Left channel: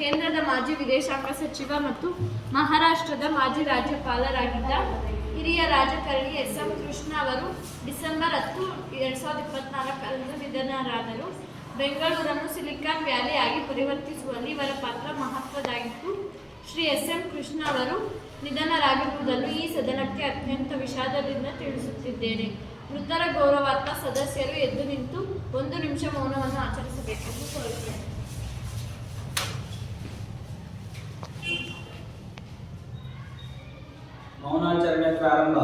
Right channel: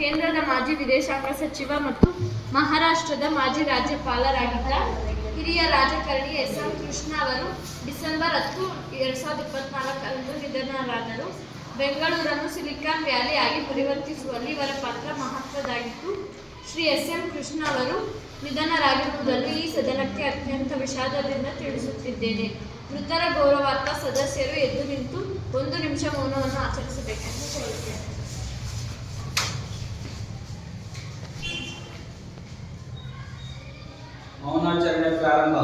ಕೇಂದ್ರದ ಮಾಜಿ ವಿದೇಶಾಂಗ ಸಚಿವ ಮತ್ತು ಮಹಾರಾಷ್ಟ್ರದ ಮಾಜಿ ರಾಜ್ಯಪಾಲರಾಗಿದ್ದ ಹಿರಿಯ ರಾಜಕಾರಣಿ ಎಸ್.ಎಂ. ಕೃಷ್ಣ ಅವರು ಡಿಸೆಂಬರ್ 10, 2024ರಂದು ನಿಧನರಾದರು. ಬೆಂಗಳೂರನ್ನು ಸಿಲಿಕಾನ್ ವ್ಯಾಲಿ ಆಗಿ ಪರಿವರ್ತಿಸುವಲ್ಲಿ ಇವರ ಪಾತ್ರ ಮಹತ್ವದ್ದಾಗಿತ್ತು. ಶ್ರೀ ಎಸ್.ಎಂ. ಕೃಷ್ಣ ಅವರು ನಿಧನರಾಗಿರುವುದನ್ನು ಈ ಸದನಕ್ಕೆ ಅತ್ಯಂತ ವಿಷಾದದಿಂದ ತಿಳಿಸುತ್ತಿದ್ದೇನೆ. ಮೃತರ ಗೌರವಾರ್ಥ ಸದಸ್ಯರು ಎದ್ದು ನಿಂತು 1 ನಿಮಿಷ ಮೌನವನ್ನು ಆಚರಿಸಬೇಕೆಂದು ಕೋರುತ್ತೇನೆ. ಮೌನಾಚರಣೆ ಪ್ರಾರಂಭ.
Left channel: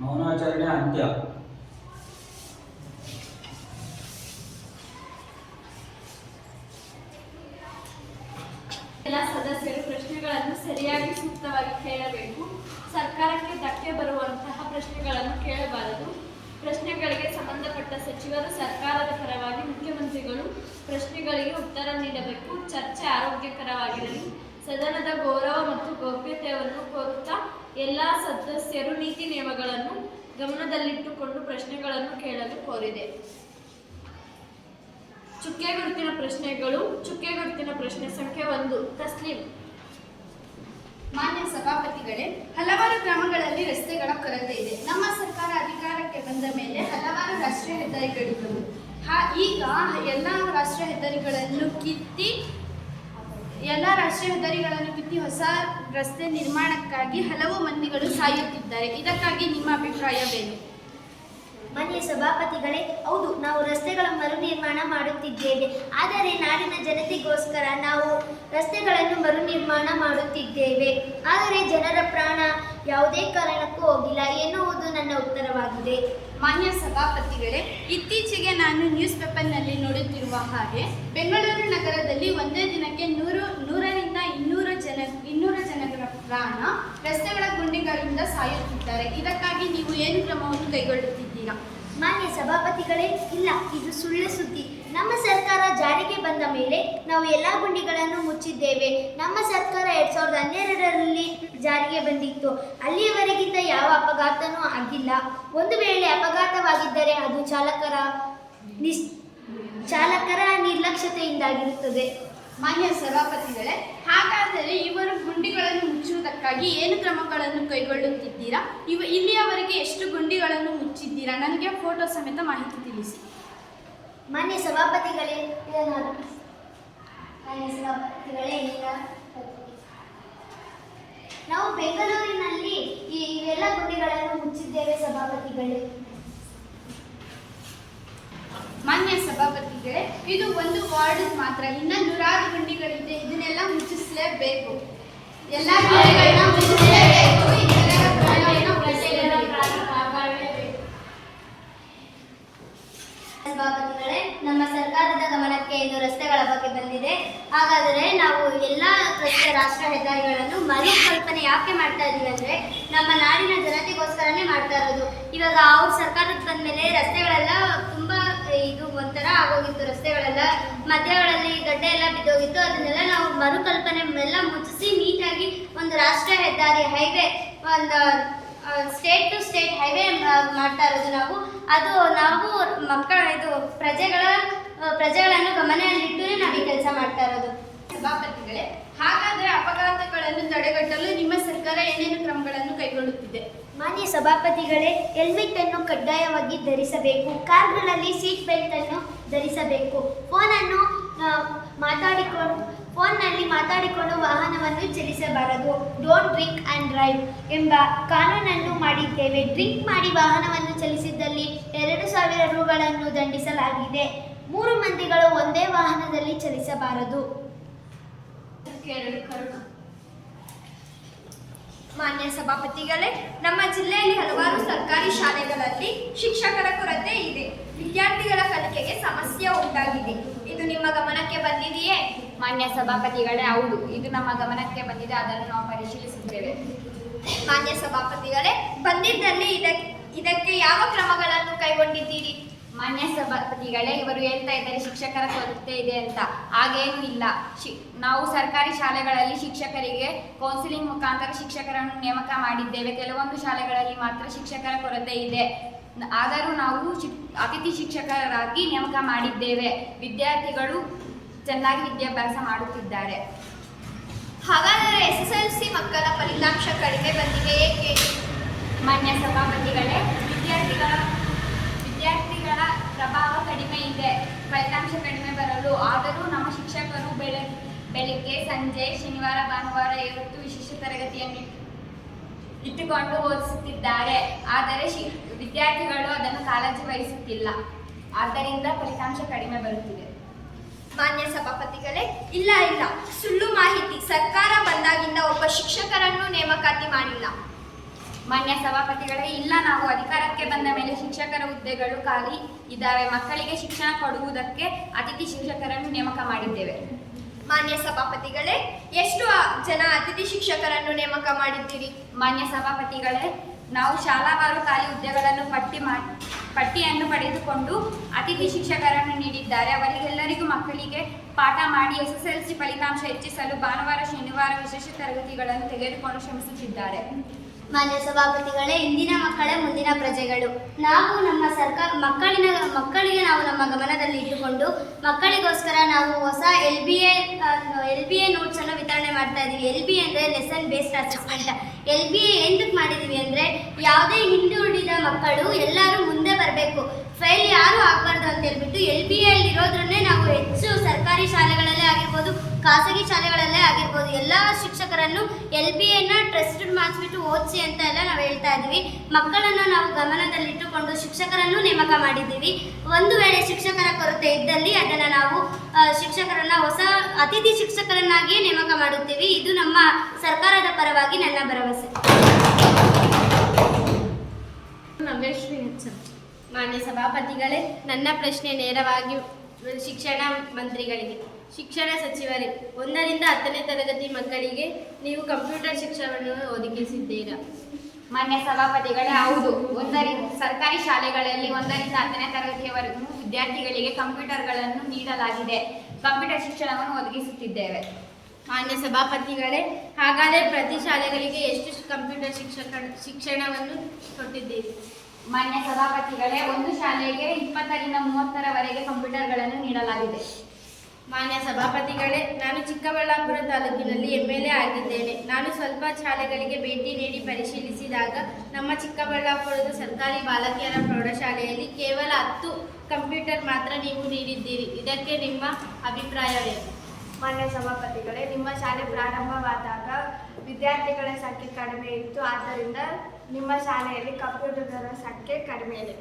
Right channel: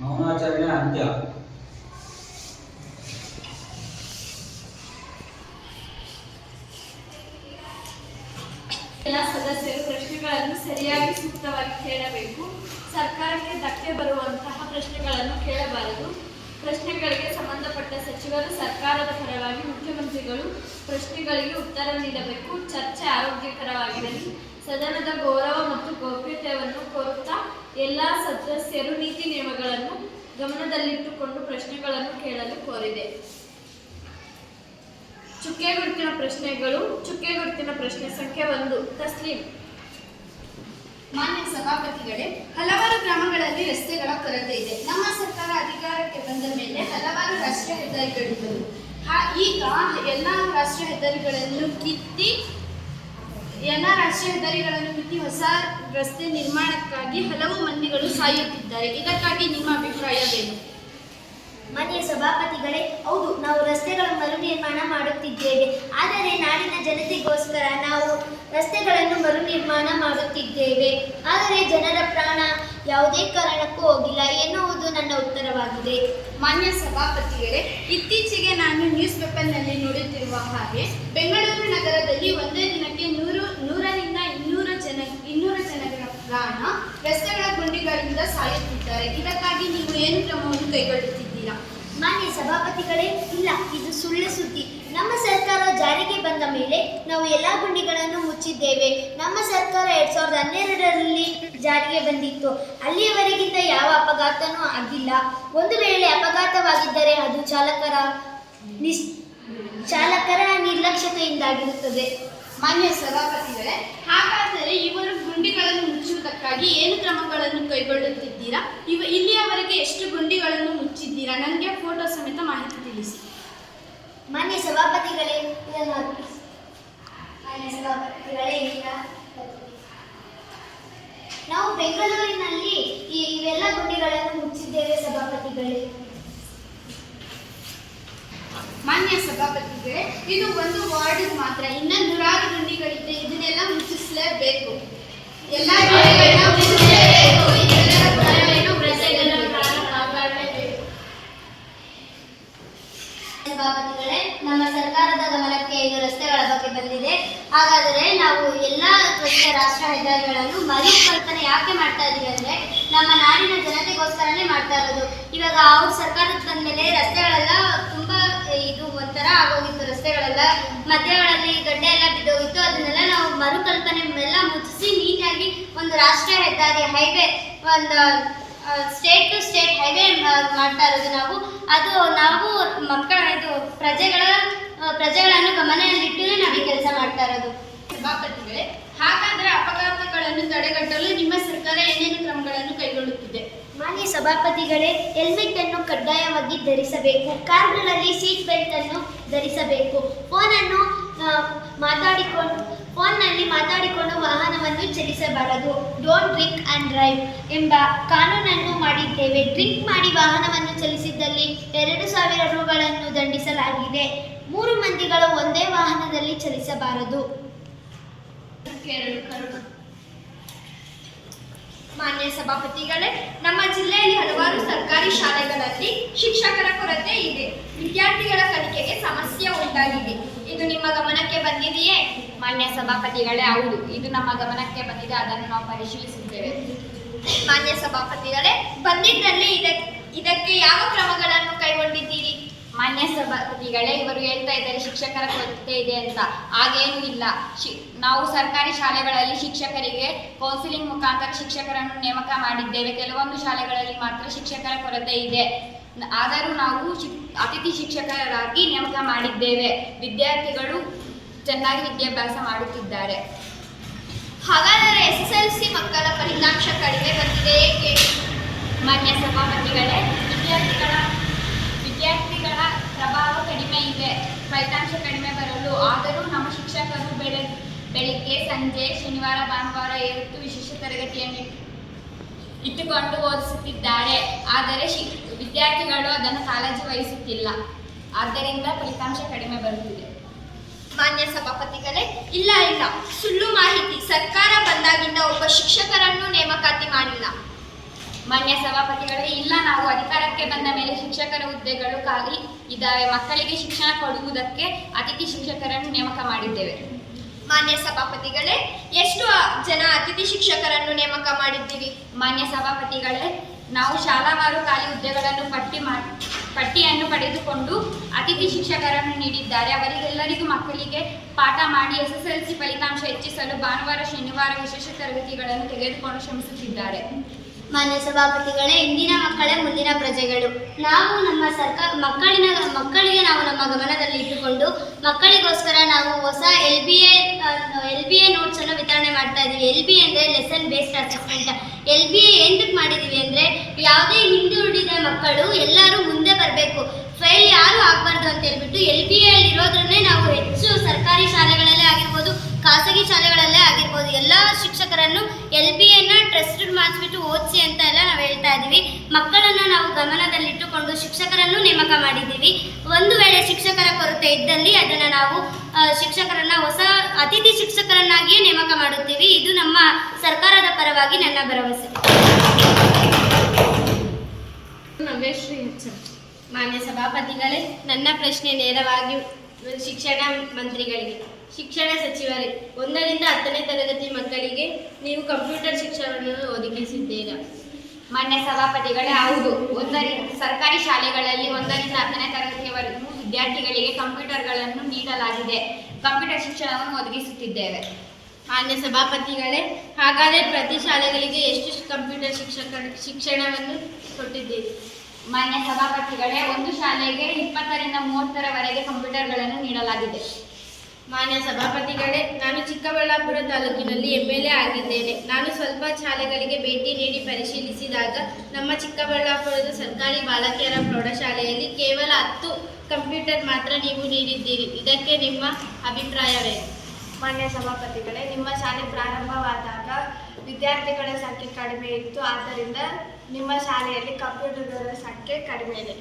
ಮೌನಾಚರಣೆ ಅಂತ್ಯ. ಎಲ್ಲ ಸದಸ್ಯರು ಪ್ರಶ್ನೆಗಳನ್ನು ಸರಿಯಾಗಿ ಸೂಕ್ತವಾಗಿ ಕೇಳಬೇಕು. ಸರ್ಕಾರಕ್ಕೆ ಧಕ್ಕೆ ಬರುವಂತಹ ಪ್ರಶ್ನೆಗಳನ್ನು ಕೇಳಬಾರದು. ಪ್ರಶ್ನೆಗಳಿಗೆ ಸಂಬಂಧಪಟ್ಟ ಸಚಿವರು ಸರ್ಕಾರದ ಪರವಾಗಿ ಮುಖ್ಯಮಂತ್ರಿಗಳು ಪ್ರಶ್ನೆಗಳಿಗೆ ಉತ್ತರ ನೀಡಬೇಕು. ಚರ್ಚೆ ಆರೋಗ್ಯಕರವಾಗಿರಲಿ. ಸದನದ ಗೌರವ ಮತ್ತು ಗೌಪ್ಯತೆಯನ್ನು ಕೋರುತ್ತಾ ಎಲ್ಲ ಸದಸ್ಯರು ನೀತಿ ನಿಯಮಗಳನ್ನು ಗಮನದಲ್ಲಿಟ್ಟುಕೊಂಡು ಪ್ರಶ್ನೆಗಳನ್ನು ಕೇಳಲು ಕೋರಿದೆ. ಚುಕ್ಕೆ ಗುರುತಿನ ಪ್ರಶ್ನೆಗಳು. ಚುಕ್ಕೆ ಗುರುತಿನ ಪ್ರಶ್ನೆ ಸಂಖ್ಯೆ 1. ತಸ್ಲೀಂ. ಮಾನ್ಯ ಸಭಾಪತಿಗಳೇ, ಹಲವಾರು ಗ್ರಾಮಗಳಲ್ಲಿ ರಸ್ತೆಗಳ ಕೊರತೆ ಇದೆ. ನಮ್ಮ ಸರ್ಕಾರ ಅಧಿಕಾರಕ್ಕೆ ಬಂದ ಮೇಲೆ ಹಲವಾರು ರಾಷ್ಟ್ರೀಯ ಹೆದ್ದಾರಿಗಳಿದ್ದವು. ಈಗ ಎಲ್ಲ ರಾಷ್ಟ್ರೀಯ ಹೆದ್ದಾರಿಗಳನ್ನು ಕಿತ್ತಿ ಹೊಸ ರಸ್ತೆ ನಿರ್ಮಾಣಕ್ಕಾಗಿ ಹಲವು ಮಂದಿಗಳು ಸಾಯುತ್ತಿದ್ದಾರೆ. ಇದಕ್ಕಾಗಿ ನಿಮ್ಮ ಅಭಿಪ್ರಾಯವೇನು? ಮಾನ್ಯ ಸಭಾಪತಿಗಳೇ, ಹೌದು, ನಾವು ರಸ್ತೆಗಳ ಮರು ನಿರ್ಮಾಣ ಮಾಡುತ್ತಿದ್ದೇವೆ. ಆದರೆ ನಾಡಿನ ಜನತೆಗೋಸ್ಕರ ನಾವು ರಸ್ತೆಗಳನ್ನು ಮರು ನಿರ್ಮಾಣ ಮಾಡುತ್ತಿದ್ದೇವೆ. ಆದರೆ ಜನರ ಪ್ರಾಣ ಯಾವುದೇ ಕಾರಣಕ್ಕೂ ಹೋಗಿಲ್ಲ ಎನ್ನುವುದು ನನ್ನ ಉತ್ತರವಾಗಿದೆ. ಮಾನ್ಯ ಸಭಾಪತಿಗಳೇ, ಇತ್ತೀಚೆಗೆ ನಾನು ನ್ಯೂಸ್ ಪೇಪರ್ನಲ್ಲಿ ನೋಡುತ್ತಿರುವ ಹಾಗೆ ಬೆಂಗಳೂರು ನಗರದಲ್ಲಿ ಒಂದೇ ದಿನಕ್ಕೆ 100ರಿಂದ 200 ಜನರ ಪ್ರಾಣ ರಸ್ತೆಗಳ ಗುಂಡಿಗಳಿಂದ ಸಾಯುತ್ತಿದ್ದಾರೆ. ಇದಕ್ಕಾಗಿ ನೀವು ಏನು ಕ್ರಮವನ್ನು ಕೈಗೊಳ್ಳುತ್ತಿದ್ದೀರಾ? ಮಾನ್ಯ ಸಭಾಪತಿಗಳೇ, ಇಲ್ಲ, ಇದು ಸುಳ್ಳು ಸುದ್ದಿ. ನಮ್ಮ ಸರ್ಕಾರ ಜಾರಿಗೆ ಬಂದ ಮೇಲೆ ನಾವು ಎಲ್ಲ ಗುಂಡಿಗಳನ್ನು ಮುಚ್ಚಿದ್ದೇವೆ. ನಮ್ಮ ಸರ್ಕಾರ 2012ರಲ್ಲಿ ಜಾರಿಗೆ ಬಂದಿತ್ತು. ಅಲ್ಲಿಯವರೆಗಿಂತ ಯಾವ ಅಪಘಾತನೂ ಆಗಿಲ್ಲ. ಒಂದು ವೇಳೆ ಅಪಘಾತವಾಗಿದ್ದರೆ ಅದು ಚಾಲಕರ ನಿರ್ಲಕ್ಷ್ಯತೆಯಿಂದಾಗಿರುತ್ತದೆ. ಮಾನ್ಯ ಸಭಾಪತಿಗಳೇ, ಹಾಗಾದರೆ ಇವರು ಗುಂಡಿಗಳನ್ನು ಮುಚ್ಚುವುದಕ್ಕಾಗಿ ಏನು ಕ್ರಮಗಳನ್ನು ಕೈಗೊಳ್ಳುತ್ತಿದ್ದೀರಾ? ಇಲ್ಲಿಯವರೆಗೆ ಎಷ್ಟು ಗುಂಡಿಗಳನ್ನು ಮುಚ್ಚಿದ್ದೀರಾ? ನನಗೆ ಫೋಟೋ ಸಮೇತ ಮಾಹಿತಿ ತಿಳಿಸಿ. ಮಾನ್ಯ ಸಭಾಪತಿಗಳೇ, ನಾವು ಬೆಂಗಳೂರಿನಲ್ಲಿ ಇವೆಲ್ಲ ಗುಂಡಿಗಳನ್ನು ಮುಚ್ಚಿದ್ದೇವೆ ಸಭಾಪತಿಗಳೇ. ಮಾನ್ಯ ಸಭಾಪತಿಗಳೇ, ಇದು ಒಂದು ವಾರ್ಡ್ ಮಾತ್ರ, ಇನ್ನ 100 ಗುಂಡಿಗಳಿದೆ. ಇದನ್ನೆಲ್ಲ ಮುಚ್ಚಿಸಲೇಬೇಕು. ಎಲ್ಲ ಗುಂಡಿಗಳನ್ನ ಮುಚ್ಚಿಸಲೇಬೇಕು. ಸಭಾಪತಿಗಳೇ, ನಮ್ಮ ಸರ್ಕಾರದ ಗಮನಕ್ಕೆ ಇದು ರಸ್ತೆಗಳ ಬಗ್ಗೆ ಬಂದಿದೆ. ಹಾಗಾದರೆ ನಾವು ಎಲ್ಲ ರಾಷ್ಟ್ರೀಯ ಹೆದ್ದಾರಿಗಳನ್ನು ಮರುಕಲ್ಪನೆ ಯಾಕೆ ಮಾಡ್ತಾ ಇದ್ದೀವಿ ಅಂದರೆ ನಮ್ಮ ನಾಡಿನ ಜನತೆಗೋಸ್ಕರನೇ ಮಾಡ್ತಾ ಇರೋದು. ಇವಾಗ ಅವ್ರ ಸರ್ಕಾರಕ್ಕೆ ಬಂದಮೇಲೆ ರಸ್ತೆಗಳೆಲ್ಲ ತುಂಬ ಒಂಥರ ಆಗೋಗಿತ್ತು. ರಸ್ತೆಗಳೆಲ್ಲ ಮಧ್ಯಗಳಲ್ಲಿ ಗಡ್ಡೆ ಎಲ್ಲ ಬಿದ್ದೋಗಿತ್ತು. ಅದನ್ನೆಲ್ಲ ನಾವು ಮರುಕಲ್ಪನೆ ಎಲ್ಲ ಮುಚ್ಚಿಸಿ ನೀಟಾಗಿ ಒಂದು ರಾಷ್ಟ್ರೀಯ ಹೆದ್ದಾರಿ ಹೈವೇ, ಒಂದು ಸ್ಟೇಟ್ ಟು ಸ್ಟೇಟ್ ಹೈವೇ ಮಾಡ್ತಾ ಇರೋದು ನಾವು ಪ್ರಜೆಗಳನ್ನು ಗಮನದಲ್ಲಿಟ್ಟು ನಾವು ಈ ಕೆಲಸ ಮಾಡ್ತಾ ಇರೋದು. ಸಭಾಪತಿಗಳೇ, ಹಾಗಾದರೆ ಅಪಘಾತಗಳನ್ನು ತಡೆಗಟ್ಟಲು ನಿಮ್ಮ ಸರ್ಕಾರ ಏನೇನು ಕ್ರಮಗಳನ್ನು ಕೈಗೊಳ್ಳುತ್ತಿದೆ? ಮಾನ್ಯ ಸಭಾಪತಿಗಳೇ, ಹೆಲ್ಮೆಟ್ ಅನ್ನು ಕಡ್ಡಾಯವಾಗಿ ಧರಿಸಬೇಕು. ಕಾರ್ಗಳಲ್ಲಿ ಸೀಟ್ ಬೆಲ್ಟ್ ಅನ್ನು ಧರಿಸಬೇಕು. ಫೋನ್ನಲ್ಲಿ ಮಾತಾಡಿಕೊಂಡು ವಾಹನವನ್ನು ಚಲಿಸಬಾರದು. ಡೋಂಟ್ ಡ್ರಿಂಕ್ ಆ್ಯಂಡ್ ಡ್ರೈವ್ ಎಂಬ ಕಾನೂನನ್ನು ಮಾಡಿದ್ದೇವೆ. ಡ್ರಿಂಕ್ ಮಾಡಿ ವಾಹನವನ್ನು ಚಲಿಸಿದ್ದಲ್ಲಿ 2,000 ರೂಗಳನ್ನು ದಂಡಿಸಲಾಗಿದೆ. 3 ಮಂದಿಗಳು ಒಂದೇ ವಾಹನದಲ್ಲಿ ಚಲಿಸಬಾರದು. ಮಾನ್ಯ ಸಭಾಪತಿಗಳೇ, ನಮ್ಮ ಜಿಲ್ಲೆಯಲ್ಲಿ ಹಲವಾರು ಸರ್ಕಾರಿ ಶಾಲೆಗಳಲ್ಲಿ ಶಿಕ್ಷಕರ ಕೊರತೆ ಇದೆ. ವಿದ್ಯಾರ್ಥಿಗಳ ಕಲಿಕೆಗೆ ಸಮಸ್ಯೆ ಉಂಟಾಗಿದೆ. ಇದು ನಿಮ್ಮ ಗಮನಕ್ಕೆ ಬಂದಿದೆಯೇ? ಮಾನ್ಯ ಸಭಾಪತಿಗಳೇ, ಹೌದು, ಇದು ನಮ್ಮ ಗಮನಕ್ಕೆ ಬಂದಿದೆ. ಅದನ್ನು ನಾವು ಪರಿಶೀಲಿಸುತ್ತೇವೆ. ಮಾನ್ಯ ಸಭಾಪತಿಗಳೇ, ಬಂದಿದ್ದಲ್ಲಿ ಇದಕ್ಕೆ ಯಾವ ಕ್ರಮಗಳನ್ನು ಕೈಗೊಂಡಿದ್ದೀರಿ? ಮಾನ್ಯ ಸಭಾಪತಿಗಳೇ, ಇವರು ಹೇಳ್ತಾ ಇದ್ದಾರೆ ಶಿಕ್ಷಕರ ಕೊರತೆ ಇದೆ ಅಂತ. ಹಾಗೇನೂ ಇಲ್ಲ. ನಾವು ಸರ್ಕಾರಿ ಶಾಲೆಗಳಲ್ಲಿ ಶಿಕ್ಷಕರಿಗೆ ಕೌನ್ಸಿಲಿಂಗ್ ಮುಖಾಂತರ ಶಿಕ್ಷಕರನ್ನು ನೇಮಕ ಮಾಡಿದ್ದೇವೆ. ಕೆಲವೊಂದು ಶಾಲೆಗಳಲ್ಲಿ ಮಾತ್ರ ಶಿಕ್ಷಕರ ಕೊರತೆ ಇದೆ. ಆದರೂ ನಾವು ಅತಿಥಿ ಶಿಕ್ಷಕರಾಗಿ ನೇಮಕ ಮಾಡಿದ್ದೇವೆ. ವಿದ್ಯಾರ್ಥಿಗಳು ಚೆನ್ನಾಗಿ ವಿದ್ಯಾಭ್ಯಾಸ ಮಾಡುತ್ತಿದ್ದಾರೆ. ಹಾಗಾದರೆ SSLC ಮಕ್ಕಳ ಫಲಿತಾಂಶ ಕಡಿಮೆ ಬಂದಿದೆ ಏಕೆ? ಮಾನ್ಯ ಸಭಾಪತಿಗಳೇ, ವಿದ್ಯಾರ್ಥಿಗಳ ಪ್ರಭಾವ ಕಡಿಮೆ ಇದೆ. ಫಲಿತಾಂಶ ಕಡಿಮೆ ಬರಲು ಆದರೂ ನಮ್ಮ ಶಿಕ್ಷಕರು ಬೆಳಿಗ್ಗೆ ಸಂಜೆ ಶನಿವಾರ ಭಾನುವಾರ ಇವತ್ತು ವಿಶೇಷ ತರಗತಿಯನ್ನು ಇಟ್ಟುಕೊಂಡು ಓದಿಸುತ್ತಿದ್ದಾರೆ. ಆದರೆ ವಿದ್ಯಾರ್ಥಿಗಳು ಅದನ್ನು ಕಾಳಜಿ ವಹಿಸುತ್ತಿಲ್ಲ. ಆದ್ದರಿಂದ ಫಲಿತಾಂಶ ಕಡಿಮೆ ಬರುತ್ತಿದೆ. ಮಾನ್ಯ ಸಭಾಪತಿಗಳೇ, ಇಲ್ಲ ಸುಳ್ಳು ಮಾಹಿತಿ. ಸರ್ಕಾರ ಬಂದಾಗಿಂದ ಒಬ್ಬ ಶಿಕ್ಷಕರನ್ನು ನೇಮಕಾತಿ ಮಾಡಿಲ್ಲ. ಮಾನ್ಯ ಸಭಾಪತಿಗಳೇ, ಇಲ್ಲ, ನಾವು ಅಧಿಕಾರಕ್ಕೆ ಬಂದ ಮೇಲೆ ಶಿಕ್ಷಕರ ಹುದ್ದೆಗಳು ಖಾಲಿ ಇದ್ದಾವೆ. ಮಕ್ಕಳಿಗೆ ಶಿಕ್ಷಣ ಕೊಡುವುದಕ್ಕೆ ಅತಿಥಿ ಶಿಕ್ಷಕರನ್ನು ನೇಮಕ ಮಾಡಿದ್ದೇವೆ. ಮಾನ್ಯ ಸಭಾಪತಿಗಳೇ, ಎಷ್ಟು ಜನ ಅತಿಥಿ ಶಿಕ್ಷಕರನ್ನು ನೇಮಕ ಮಾಡಿದ್ದೀರಿ? ಮಾನ್ಯ ಸಭಾಪತಿಗಳೇ, ನಾವು ಶಾಲಾವಾರು ಖಾಲಿ ಹುದ್ದೆಗಳನ್ನು ಪಟ್ಟಿಯನ್ನು ಪಡೆದುಕೊಂಡು ಅತಿಥಿ ಶಿಕ್ಷಕರನ್ನು ನೀಡಿದ್ದಾರೆ. ಅವರಿಗೆಲ್ಲರಿಗೂ ಮಕ್ಕಳಿಗೆ ಪಾಠ ಮಾಡಿ SSLC ಫಲಿತಾಂಶ ಹೆಚ್ಚಿಸಲು ಭಾನುವಾರ ಶನಿವಾರ ವಿಶೇಷ ತರಗತಿಗಳನ್ನು ತೆಗೆದುಕೊಂಡು ಶ್ರಮಿಸುತ್ತಿದ್ದಾರೆ. ಮಾನ್ಯ ಸಭಾಪತಿಗಳೇ, ಇಂದಿನ ಮಕ್ಕಳೇ ಮುಂದಿನ ಪ್ರಜೆಗಳು. ನಾವು ನಮ್ಮ ಮಕ್ಕಳಿಗೆ ನಾವು ನಮ್ಮ ಗಮನದಲ್ಲಿ ಇಟ್ಟುಕೊಂಡು ಮಕ್ಕಳಿಗೋಸ್ಕರ ನಾವು ಹೊಸ LBA ನೋಟ್ಸ್ ಅನ್ನು ವಿತರಣೆ ಮಾಡ್ತಾ ಇದ್ದೀವಿ. LBA ಅಂದರೆ ಲೆಸನ್ ಬೇಸ್ಡ್ ಅಸೆಸ್ಮೆಂಟ್. LBA ಎಂತಕ್ಕೆ ಮಾಡಿದ್ದೀವಿ ಅಂದರೆ ಯಾವುದೇ ಹಿಂದುಳಿದ ಮಕ್ಕಳು ಎಲ್ಲರೂ ಮುಂದೆ ಬರಬೇಕು, ಫೇಲ್ ಯಾರೂ ಆಗಬಾರ್ದು ಅಂತ ಹೇಳ್ಬಿಟ್ಟು LBA ಇರೋದ್ರನ್ನೇ ನಾವು ಹೆಚ್ಚು ಸರ್ಕಾರಿ ಶಾಲೆಗಳಲ್ಲೇ ಆಗಿರ್ಬೋದು, ಖಾಸಗಿ ಶಾಲೆಗಳಲ್ಲೇ ಆಗಿರ್ಬೋದು, ಎಲ್ಲ ಶಿಕ್ಷಕರನ್ನು LBAನ ಟ್ರಸ್ಟೆಡ್ ಮಾಡಿಸ್ಬಿಟ್ಟು ಓದಿಸಿ ಅಂತ ಎಲ್ಲ ನಾವು ಹೇಳ್ತಾ ಇದ್ದೀವಿ. ಮಕ್ಕಳನ್ನು ನಾವು ಗಮನದಲ್ಲಿಟ್ಟುಕೊಂಡು ಶಿಕ್ಷಕರನ್ನು ನೇಮಕ ಮಾಡಿದ್ದೀವಿ. ಒಂದು ವೇಳೆ ಶಿಕ್ಷಕರ ಕೊರತೆ ಇದ್ದಲ್ಲಿ ಅದನ್ನು ನಾವು ಶಿಕ್ಷಕರನ್ನು ಹೊಸ ಅತಿಥಿ ಶಿಕ್ಷಕರನ್ನಾಗಿಯೇ ನೇಮಕ ಮಾಡುತ್ತೀವಿ. ಇದು ನಮ್ಮ ಸರ್ಕಾರದ ಪರವಾಗಿ ನನ್ನ ಭರವಸೆ. ನವ್ಯಶ್ರೀ HM. ಮಾನ್ಯ ಸಭಾಪತಿಗಳೇ, ನನ್ನ ಪ್ರಶ್ನೆ ನೇರವಾಗಿ ಶಿಕ್ಷಣ ಮಂತ್ರಿಗಳಿಗೆ. ಶಿಕ್ಷಣ ಸಚಿವರೇ, 1ರಿಂದ 10ನೇ ತರಗತಿ ಮಕ್ಕಳಿಗೆ ನೀವು ಕಂಪ್ಯೂಟರ್ ಶಿಕ್ಷಣವನ್ನು ಒದಗಿಸಿದ್ದೀರಾ? ಮಾನ್ಯ ಸಭಾಪತಿಗಳೇ, ಹೌದು. ಸರ್ಕಾರಿ ಶಾಲೆಗಳಲ್ಲಿ 1ರಿಂದ 10ನೇ ತರಗತಿಯವರೆಗೂ ವಿದ್ಯಾರ್ಥಿಗಳಿಗೆ ಕಂಪ್ಯೂಟರ್ಗಳನ್ನು ನೀಡಲಾಗಿದೆ. ಕಂಪ್ಯೂಟರ್ ಶಿಕ್ಷಣವನ್ನು ಒದಗಿಸುತ್ತಿದ್ದೇವೆ. ಮಾನ್ಯ ಸಭಾಪತಿಗಳೇ, ಹಾಗಾದರೆ ಪ್ರತಿ ಶಾಲೆಗಳಿಗೆ ಎಷ್ಟು ಕಂಪ್ಯೂಟರ್ ಶಿಕ್ಷಣವನ್ನು ಕೊಟ್ಟಿದ್ದೀರಿ? ಮಾನ್ಯ ಸಭಾಪತಿಗಳೇ, ಒಂದು ಶಾಲೆಗೆ 20ರಿಂದ 30ರವರೆಗೆ ಕಂಪ್ಯೂಟರ್ಗಳನ್ನು ನೀಡಲಾಗಿದೆ. ಮಾನ್ಯ ಸಭಾಪತಿಗಳೇ, ನಾನು ಚಿಕ್ಕಬಳ್ಳಾಪುರ ತಾಲೂಕಿನಲ್ಲಿ MLA ಆಗಿದ್ದೇನೆ. ನಾನು ಸ್ವಲ್ಪ ಶಾಲೆಗಳಿಗೆ ಭೇಟಿ ನೀಡಿ ಪರಿಶೀಲಿಸಿದಾಗ ನಮ್ಮ ಚಿಕ್ಕಬಳ್ಳಾಪುರದ ಸರ್ಕಾರಿ ಬಾಲಕಿಯರ ಪ್ರೌಢಶಾಲೆಯಲ್ಲಿ ಕೇವಲ 10 ಕಂಪ್ಯೂಟರ್ ಮಾತ್ರ ನೀವು ನೀಡಿದ್ದೀರಿ. ಇದಕ್ಕೆ ನಿಮ್ಮ ಅಭಿಪ್ರಾಯವೇ? ಮಾನ್ಯ ಸಭಾಪತಿಗಳೇ, ನಿಮ್ಮ ಶಾಲೆ ಪ್ರಾರಂಭವಾದಾಗ ವಿದ್ಯಾರ್ಥಿಗಳ ಸಂಖ್ಯೆ ಕಡಿಮೆ ಇತ್ತು. ಆದ್ದರಿಂದ ನಿಮ್ಮ ಶಾಲೆಯಲ್ಲಿ ಕಂಪ್ಯೂಟರ್ಗಳ ಸಂಖ್ಯೆ ಕಡಿಮೆ ಇದೆ.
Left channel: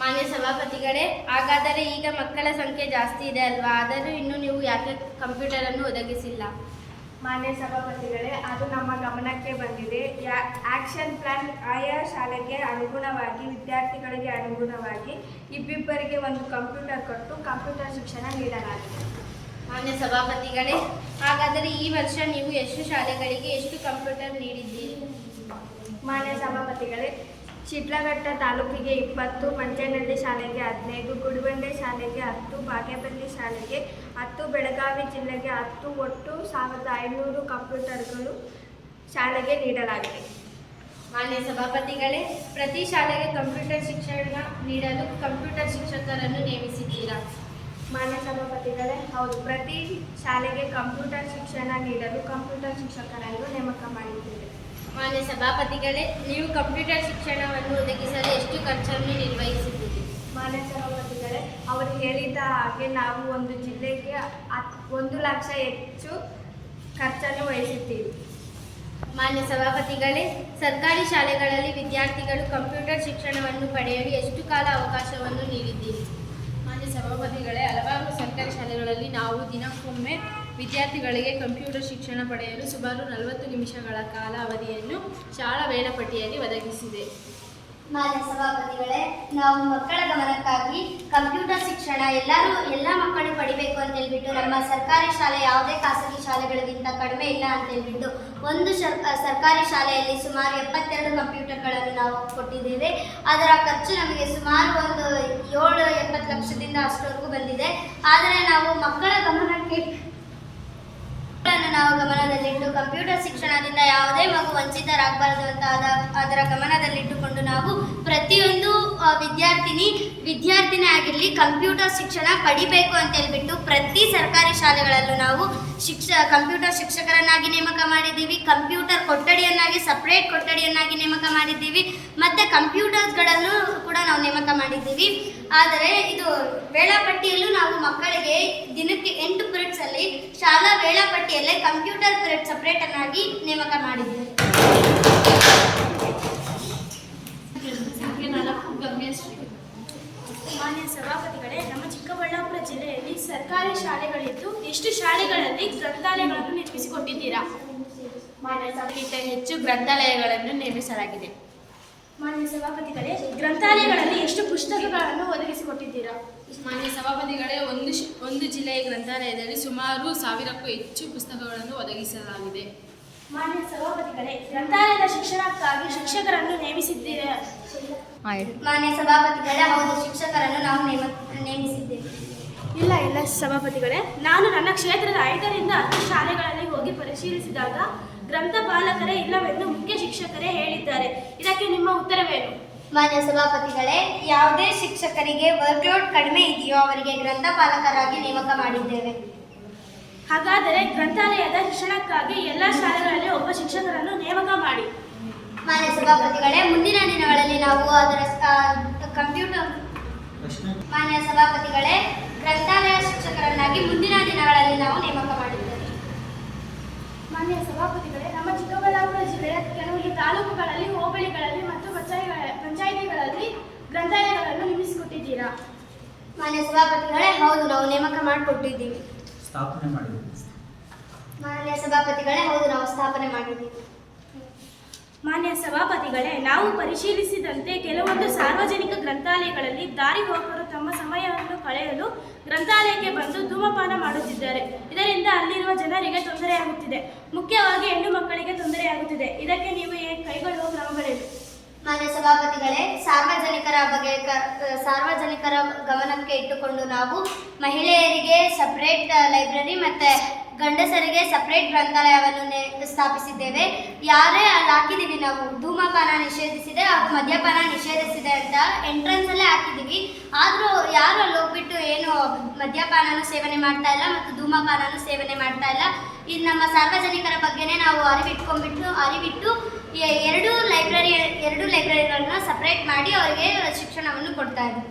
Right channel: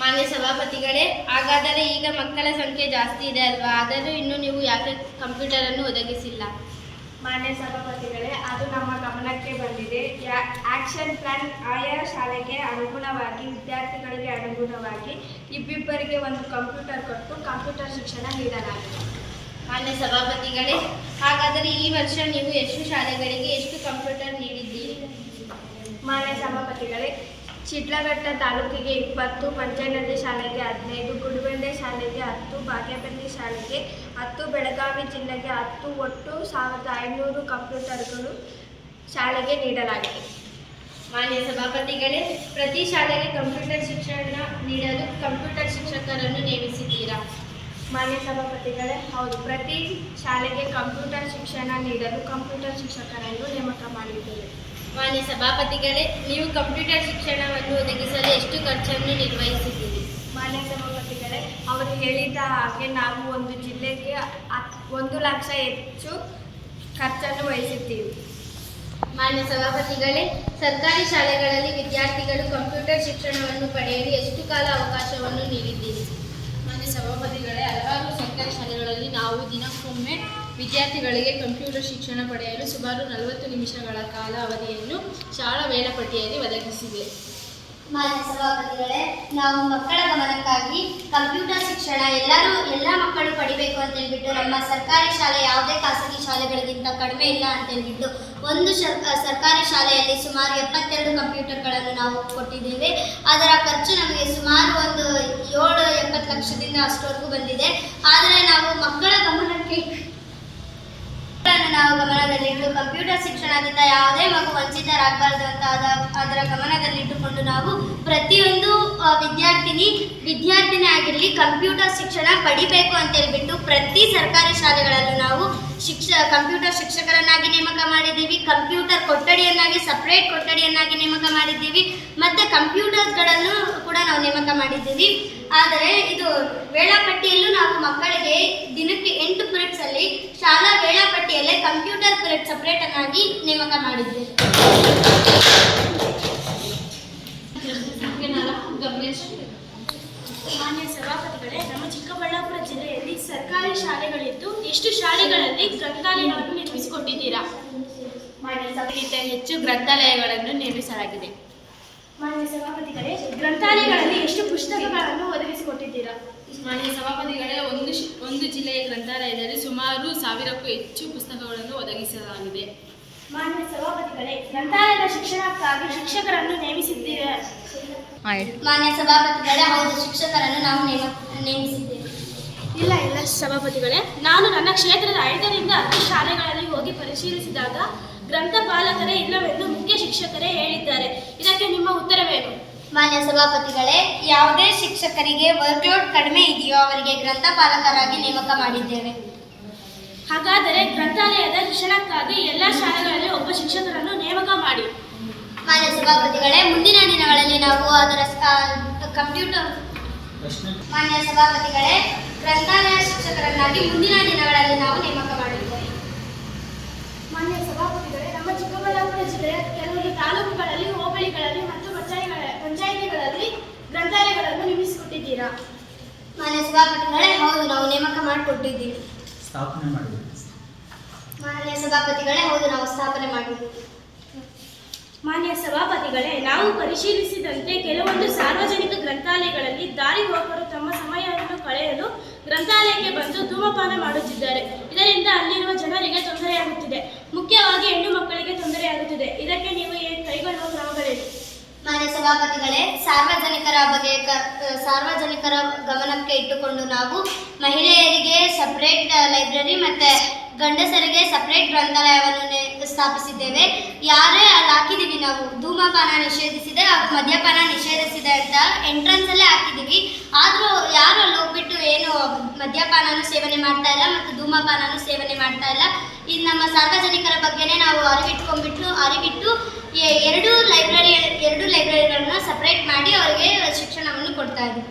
ಮಾನ್ಯ ಸಭಾಪತಿಗಳೇ, ಹಾಗಾದರೆ ಈಗ ಮಕ್ಕಳ ಸಂಖ್ಯೆ ಜಾಸ್ತಿ ಇದೆ ಅಲ್ವಾ? ಆದರೂ ಇನ್ನೂ ನೀವು ಯಾಕೆ ಕಂಪ್ಯೂಟರನ್ನು ಒದಗಿಸಿಲ್ಲ? ಮಾನ್ಯ ಸಭಾಪತಿಗಳೇ, ಅದು ನಮ್ಮ ಗಮನಕ್ಕೆ ಬಂದಿದೆ. ಆಕ್ಷನ್ ಪ್ಲಾನ್ ಆಯಾ ಶಾಲೆಗೆ ಅನುಗುಣವಾಗಿ ವಿದ್ಯಾರ್ಥಿಗಳಿಗೆ ಅನುಗುಣವಾಗಿ ಇಬ್ಬಿಬ್ಬರಿಗೆ ಒಂದು ಕಂಪ್ಯೂಟರ್ ಕೊಟ್ಟು ಕಂಪ್ಯೂಟರ್ ಶಿಕ್ಷಣ ನೀಡಲಾಗಿದೆ. ಮಾನ್ಯ ಸಭಾಪತಿಗಳೇ, ಹಾಗಾದರೆ ಈ ವರ್ಷ ನೀವು ಎಷ್ಟು ಶಾಲೆಗಳಿಗೆ ಎಷ್ಟು ಕಂಪ್ಯೂಟರ್ ನೀಡಿದ್ದೀರಿ? ಮಾನ್ಯ ಸಭಾಪತಿಗಳೇ, ಶಿಡ್ಲಘಟ್ಟ ತಾಲೂಕಿಗೆ 20, ಮಂಚನಹಳ್ಳಿ ಶಾಲೆಗೆ 15, ಗುಡಿಬಂಡೆ ಶಾಲೆಗೆ 10, ಬಾಗೇಪಲ್ಲಿ ಶಾಲೆಗೆ 10, ಬೆಳಗಾವಿ ಜಿಲ್ಲೆಗೆ 10, ಒಟ್ಟು 1500 ಕಂಪ್ಯೂಟರ್ಗಳು ಶಾಲೆಗೆ ನೀಡಲಾಗಿದೆ. ಮಾನ್ಯ ಸಭಾಪತಿಗಳೇ, ಪ್ರತಿ ಶಾಲೆಗೆ ಕಂಪ್ಯೂಟರ್ ಶಿಕ್ಷಣ ನೀಡಲು ಕಂಪ್ಯೂಟರ್ ಶಿಕ್ಷಕರನ್ನು ನೇಮಿಸಿದ್ದೀರಾ? ಮಾನ್ಯ ಸಭಾಪತಿಗಳೇ, ಹೌದು. ಪ್ರತಿ ಶಾಲೆಗೆ ಕಂಪ್ಯೂಟರ್ ಶಿಕ್ಷಣ ನೀಡಲು ಕಂಪ್ಯೂಟರ್ ಶಿಕ್ಷಕರನ್ನು ನೇಮಕ ಮಾಡಿದ್ದೇವೆ. ಮಾನ್ಯ ಸಭಾಪತಿಗಳೇ, ನೀವು ಕಂಪ್ಯೂಟರ್ ಶಿಕ್ಷಣವನ್ನು ಒದಗಿಸಲು ಎಷ್ಟು ಖರ್ಚನ್ನು ನಿರ್ವಹಿಸಿದ್ದೀರಿ? ಮಾನ್ಯ ಸಭಾಪತಿಗಳೇ, ಅವರು ಹೇಳಿದ ಹಾಗೆ ನಾವು ಒಂದು ಜಿಲ್ಲೆಗೆ 1 ಲಕ್ಷ ಹೆಚ್ಚು ಖರ್ಚನ್ನು ವಹಿಸುತ್ತೀವಿ. ಮಾನ್ಯ ಸಭಾಪತಿಗಳೇ, ಸರ್ಕಾರಿ ಶಾಲೆಗಳಲ್ಲಿ ವಿದ್ಯಾರ್ಥಿಗಳು ಕಂಪ್ಯೂಟರ್ ಶಿಕ್ಷಣವನ್ನು ಪಡೆಯಲು ಎಷ್ಟು ಕಾಲ ಅವಕಾಶವನ್ನು ನೀಡಿದ್ದೀರಿ? ಮಾನ್ಯ ಸಭಾಪತಿಗಳೇ, ಹಲವಾರು ಸರ್ಕಾರಿ ಶಾಲೆಗಳಲ್ಲಿ ನಾವು ದಿನಕ್ಕೊಮ್ಮೆ ವಿದ್ಯಾರ್ಥಿಗಳಿಗೆ ಕಂಪ್ಯೂಟರ್ ಶಿಕ್ಷಣ ಪಡೆಯಲು ಸುಮಾರು 40 ನಿಮಿಷಗಳ ಕಾಲ ಅವಧಿಯನ್ನು ಶಾಲಾ ವೇಳಾಪಟ್ಟಿಯಲ್ಲಿ ಒದಗಿಸಿದೆ. ಮಾನ್ಯ ಸಭಾಪತಿಗಳೇ, ನಾವು ಮಕ್ಕಳ ಗಮನಕ್ಕಾಗಿ ಕಂಪ್ಯೂಟರ್ ಶಿಕ್ಷಣ ಎಲ್ಲ ಮಕ್ಕಳು ಪಡಿಬೇಕು ಅಂತ ಹೇಳ್ಬಿಟ್ಟು ನಮ್ಮ ಸರ್ಕಾರಿ ಶಾಲೆ ಯಾವುದೇ ಖಾಸಗಿ ಶಾಲೆಗಳಿಗಿಂತ ಕಡಿಮೆ ಇಲ್ಲ ಅಂತ ಹೇಳ್ಬಿಟ್ಟು ಒಂದು ಸರ್ಕಾರಿ ಶಾಲೆಯಲ್ಲಿ ಸುಮಾರು 72 ಕಂಪ್ಯೂಟರ್ಗಳನ್ನು ನಾವು ಕೊಟ್ಟಿದ್ದೇವೆ. ಅದರ ಖರ್ಚು ನಮಗೆ ಸುಮಾರು ಒಂದು 7-80 ಲಕ್ಷದಿಂದ ಅಷ್ಟವರೆಗೂ ಬಂದಿದೆ. ಆದರೆ ನಾವು ಮಕ್ಕಳ ಗಮನದಲ್ಲಿಟ್ಟು ಕಂಪ್ಯೂಟರ್ ಶಿಕ್ಷಣದಿಂದ ಯಾವುದೇ ಮಗು ವಂಚಿತರಾಗಬಾರ್ದು ಅಂತ ಅದರ ಗಮನದಲ್ಲಿಟ್ಟುಕೊಂಡು ನಾವು ಪ್ರತಿಯೊಂದು ವಿದ್ಯಾರ್ಥಿನಿ ಆಗಿರಲಿ ಕಂಪ್ಯೂಟರ್ ಶಿಕ್ಷಣ ಪಡಿಬೇಕು ಅಂತ ಹೇಳ್ಬಿಟ್ಟು ಪ್ರತಿ ಸರ್ಕಾರಿ ಶಾಲೆಗಳಲ್ಲೂ ನಾವು ಕಂಪ್ಯೂಟರ್ ಶಿಕ್ಷಕರನ್ನಾಗಿ ನೇಮಕ ಮಾಡಿದ್ದೀವಿ. ಕಂಪ್ಯೂಟರ್ ಕೊಠಡಿಯನ್ನಾಗಿ ಸಪ್ರೇಟ್ ಕೊಠಡಿಯನ್ನಾಗಿ ನೇಮಕ ಮಾಡಿದ್ದೀವಿ. ಮತ್ತು ಕಂಪ್ಯೂಟರ್ಸ್ಗಳನ್ನು ಕೂಡ ನಾವು ನೇಮಕ ಮಾಡಿದ್ದೀವಿ. ಆದರೆ ಇದು ವೇಳಾಪಟ್ಟಿಯಲ್ಲೂ ನಾವು ಮಕ್ಕಳಿಗೆ ದಿನಕ್ಕೆ 8 ಪೀರಿಯಡ್ಸಲ್ಲಿ ಶಾಲಾ ವೇಳಾಪಟ್ಟಿಯಲ್ಲೇ ಕಂಪ್ಯೂಟರ್ ಪೀರಿಯಡ್ ಸಪ್ರೇಟನ್ನಾಗಿ ನೇಮಕ ಮಾಡಿದ್ದೀವಿ. ಮಾನ್ಯ ಸಭಾಪತಿಗಳೇ, ನಮ್ಮ ಚಿಕ್ಕಬಳ್ಳಾಪುರ ಜಿಲ್ಲೆಯಲ್ಲಿ ಸರ್ಕಾರಿ ಶಾಲೆಗಳಿದ್ದು ಎಷ್ಟು ಶಾಲೆಗಳಲ್ಲಿ ಗ್ರಂಥಾಲಯಗಳನ್ನು ನಿರ್ಮಿಸಿಕೊಟ್ಟಿದ್ದೀರಾ? ಮಾನ್ಯ ಸಭೆಗಿಂತ ಹೆಚ್ಚು ಗ್ರಂಥಾಲಯಗಳನ್ನು ನಿರ್ಮಿಸಲಾಗಿದೆ. ಮಾನ್ಯ ಸಭಾಪತಿಗಳೇ, ಗ್ರಂಥಾಲಯಗಳಲ್ಲಿ ಎಷ್ಟು ಪುಸ್ತಕಗಳನ್ನು ಒದಗಿಸಿಕೊಟ್ಟಿದ್ದೀರಾ? ಮಾನ್ಯ ಸಭಾಪತಿಗಳೇ, ಒಂದು ಜಿಲ್ಲೆಯ ಗ್ರಂಥಾಲಯದಲ್ಲಿ ಸುಮಾರು 1000ಕ್ಕೂ ಹೆಚ್ಚು ಪುಸ್ತಕಗಳನ್ನು ಒದಗಿಸಲಾಗಿದೆ. ಮಾನ್ಯ ಸಭಾಪತಿಗಳೇ, ಗ್ರಂಥಾಲಯದ ಶಿಕ್ಷಣಕ್ಕಾಗಿ ಶಿಕ್ಷಕರನ್ನು ನೇಮಿಸಿದ್ದೀರಾ? ಮಾನ್ಯ ಸಭಾಪತಿಗಳೇ, ಹೌದು, ಶಿಕ್ಷಕರನ್ನು ನಾವು ನೇಮಿಸಿದ್ದೇವೆ. ಇಲ್ಲ ಸಭಾಪತಿಗಳೇ, ನಾನು ನನ್ನ ಕ್ಷೇತ್ರದ 5ರಿಂದ 10 ಶಾಲೆಗಳಲ್ಲಿ ಹೋಗಿ ಪರಿಶೀಲಿಸಿದಾಗ ಗ್ರಂಥಪಾಲಕರೇ ಇಲ್ಲವೆಂದು ಮುಖ್ಯ ಶಿಕ್ಷಕರೇ ಹೇಳಿದ್ದಾರೆ. ಇದಕ್ಕೆ ನಿಮ್ಮ ಉತ್ತರವೇನು? ಮಾನ್ಯ ಸಭಾಪತಿಗಳೇ, ಯಾವುದೇ ಶಿಕ್ಷಕರಿಗೆ ವರ್ಕ್ಲೋಡ್ ಕಡಿಮೆ ಇದೆಯೋ ಅವರಿಗೆ ಗ್ರಂಥಪಾಲಕರಾಗಿ ನೇಮಕ ಮಾಡಿದ್ದೇವೆ. ಹಾಗಾದರೆ ಗ್ರಂಥಾಲಯದ ಶಿಕ್ಷಣಕ್ಕಾಗಿ ಎಲ್ಲ ಶಾಲೆಗಳಲ್ಲಿ ಒಬ್ಬ ಶಿಕ್ಷಕರನ್ನು ನೇಮಕ ಮಾಡಿ. ಮಾನ್ಯ ಸಭಾಪತಿಗಳೇ, ಮುಂದಿನ ದಿನಗಳಲ್ಲಿ ನಾವು ಅದರ ಕಂಪ್ಯೂಟರ್ ಮಾನ್ಯ ಸಭಾಪತಿಗಳೇ, ಗ್ರಂಥಾಲಯ ಶಿಕ್ಷಕರನ್ನಾಗಿ ಮುಂದಿನ ದಿನಗಳಲ್ಲಿ ನಾವು ನೇಮಕ ಮಾಡಿದ್ದೇವೆ. ಮಾನ್ಯ ಸಭಾಪತಿಗಳೇ, ನಮ್ಮ ಚಿಕ್ಕಬಳ್ಳಾಪುರ ಜಿಲ್ಲೆಯ ಕೆಲವೊಂದು ತಾಲೂಕುಗಳಲ್ಲಿ, ಹೋಬಳಿಗಳಲ್ಲಿ ಮತ್ತು ಪಂಚಾಯಿತಿಗಳಲ್ಲಿ ಗ್ರಂಥಾಲಯಗಳನ್ನು ನಿರ್ಮಿಸಿಕೊಟ್ಟಿದ್ದೀರಾ? ಮಾನ್ಯ ಸಭಾಪತಿಗಳೇ, ಹೌದು, ನಾವು ನೇಮಕ ಮಾಡಿಕೊಟ್ಟಿದ್ದೀವಿ. ಸ್ಥಾಪನೆ ಮಾಡಿದ್ದೀವಿ. ಮಾನ್ಯ ಸಭಾಪತಿಗಳೇ, ಹೌದು, ನಾವು ಸ್ಥಾಪನೆ ಮಾಡಿದ್ದೀವಿ. ಮಾನ್ಯ ಸಭಾಪತಿಗಳೇ, ನಾವು ಪರಿಶೀಲಿಸಿದಂತೆ ಕೆಲವೊಂದು ಸಾರ್ವಜನಿಕ ಗ್ರಂಥಾಲಯಗಳಲ್ಲಿ ದಾರಿ ಹೋಗರು ತಮ್ಮ ಸಮಯವನ್ನು ಕಳೆಯಲು ಗ್ರಂಥಾಲಯಕ್ಕೆ ಬಂದು ಧೂಮಪಾನ ಮಾಡುತ್ತಿದ್ದಾರೆ. ಇದರಿಂದ ಅಲ್ಲಿರುವ ಜನರಿಗೆ ತೊಂದರೆಯಾಗುತ್ತಿದೆ. ಮುಖ್ಯವಾಗಿ ಹೆಣ್ಣು ಮಕ್ಕಳಿಗೆ ತೊಂದರೆಯಾಗುತ್ತಿದೆ. ಇದಕ್ಕೆ ನೀವು ಕೈಗೊಳ್ಳುವ ಕ್ರಮಗಳೇನು? ಮಾನ್ಯ ಸಭಾಪತಿಗಳೇ, ಸಾರ್ವಜನಿಕರ ಗಮನಕ್ಕೆ ಇಟ್ಟುಕೊಂಡು ನಾವು ಮಹಿಳೆಯರಿಗೆ ಸಪ್ರೇಟ್ ಲೈಬ್ರರಿ ಮತ್ತು ಗಂಡಸರಿಗೆ ಸಪ್ರೇಟ್ ಗ್ರಂಥಾಲಯವನ್ನು ಸ್ಥಾಪಿಸಿದ್ದೇವೆ. ಯಾರೇ ಅಲ್ಲಿ ಹಾಕಿದ್ದೀವಿ, ನಾವು ಧೂಮಪಾನ ನಿಷೇಧಿಸಿದೆ, ಮದ್ಯಪಾನ ನಿಷೇಧಿಸಿದೆ ಅಂತ ಎಂಟ್ರೆನ್ಸಲ್ಲೇ ಹಾಕಿದ್ದೀವಿ. ಆದರೂ ಯಾರು ಅಲ್ಲಿ ಹೋಗ್ಬಿಟ್ಟು ಏನು ಮದ್ಯಪಾನನೂ ಸೇವನೆ ಮಾಡ್ತಾ ಇಲ್ಲ ಮತ್ತು ಧೂಮಪಾನನೂ ಸೇವನೆ ಮಾಡ್ತಾ ಇಲ್ಲ. ಇದು ನಮ್ಮ ಸಾರ್ವಜನಿಕರ ಬಗ್ಗೆನೇ ನಾವು ಅರಿವಿಟ್ಟು ಎರಡು ಲೈಬ್ರರಿಗಳನ್ನ ಸಪ್ರೇಟ್ ಮಾಡಿ ಅವರಿಗೆ ಶಿಕ್ಷಣವನ್ನು ಕೊಡ್ತಾ ಇದ್ದೀವಿ.